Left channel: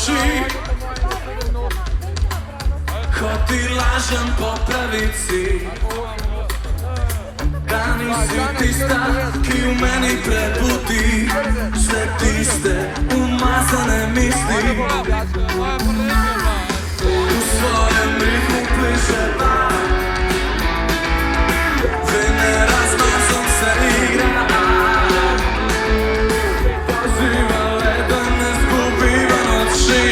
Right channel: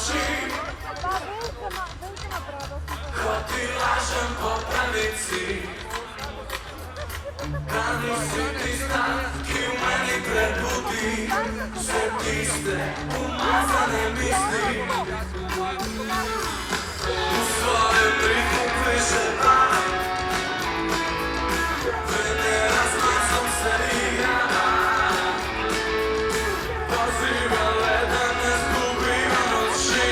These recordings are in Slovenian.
oči. Ko ti lažem po pravici, da nisi tista, ki v meni prebudi sve tiste umazane misli. U svojem ritmu pliševa, vene razmazom se igra. Poziva leda ne zgubiva noći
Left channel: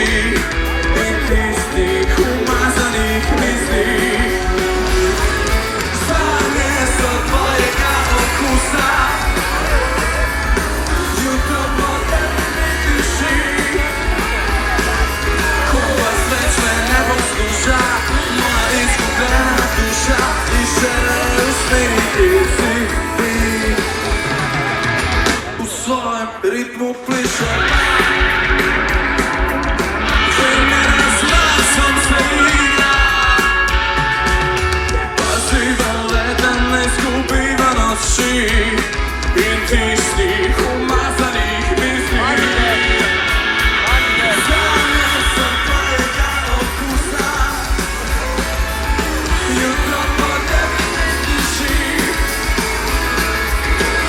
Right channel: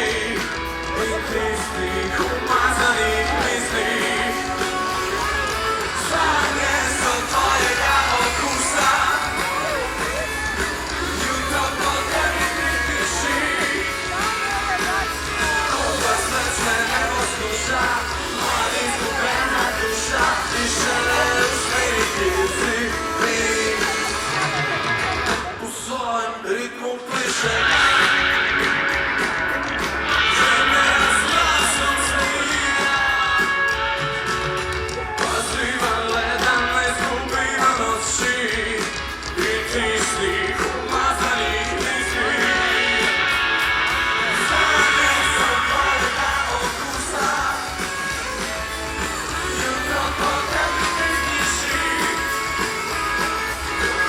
i tistih umazanih misli. Sanje sa tvojega okusa, jutro po tebi ne tiši. Kompas već me ne posluša, moja izgubljena duša i žele usmiriti si ti. U svojem ritmu pliše, žene razmasom se igra. Pozivam leden ne zgubiva noći i tistih umazanih misli. Sanje sa tvojega okusa, jutro po tebi ne tiši.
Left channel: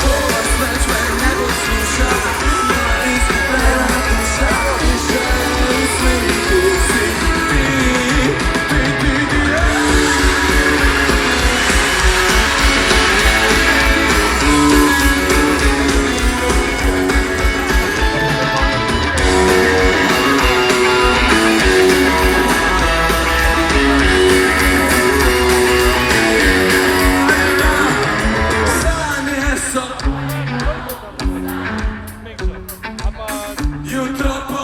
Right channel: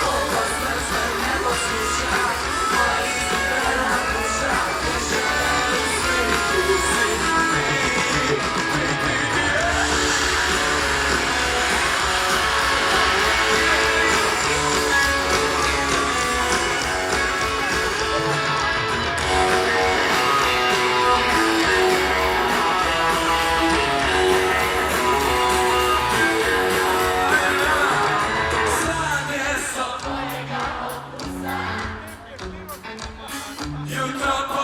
Kompas već me ne posluša, moja izgubljena duša i žele usmiriti si ti. Sanje sa jutro po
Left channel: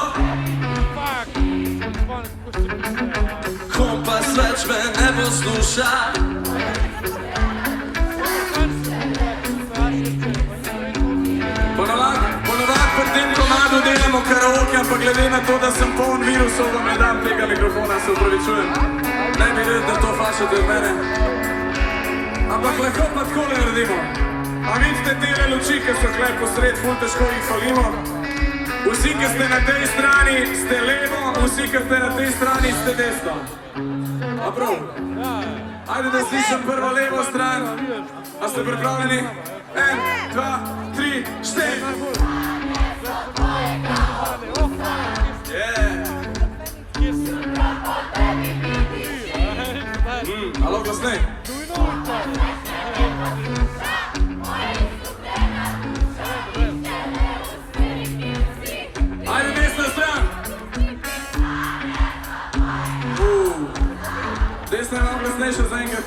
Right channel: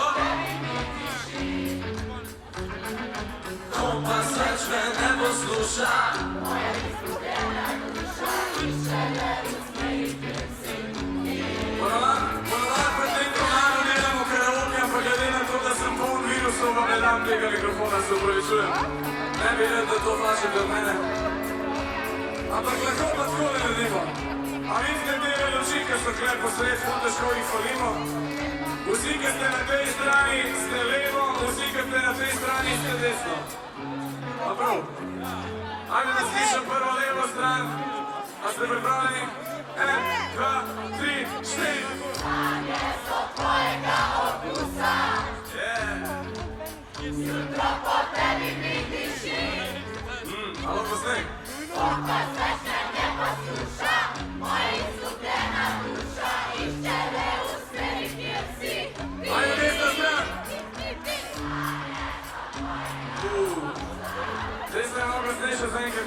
kompas već me ne posluša. Ponovak pred tem komadu delamo karaoke, ampak glede na to, da sem poln virusov, vam ne dam tega mikrofona, se opravičujem. Ne bi red, da to fašate od mene. Ampak lahko pa takole naredimo. A vidite tele luči, ki so tukaj posred, ful težko jih falimo. Vsi, ki ste na tej strani, ste levo, vsi, ki ste na tej strani, ste desno. A prav? Ajde da slišam prvo levo stran. A ste pripravljeni? 1, 2, 3, 4. Alo, glasnej. Ajde, desna stran. Desna je malo glasnejša zaenkrat.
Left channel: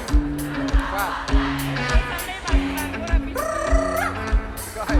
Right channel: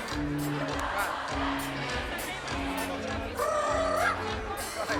Kaj?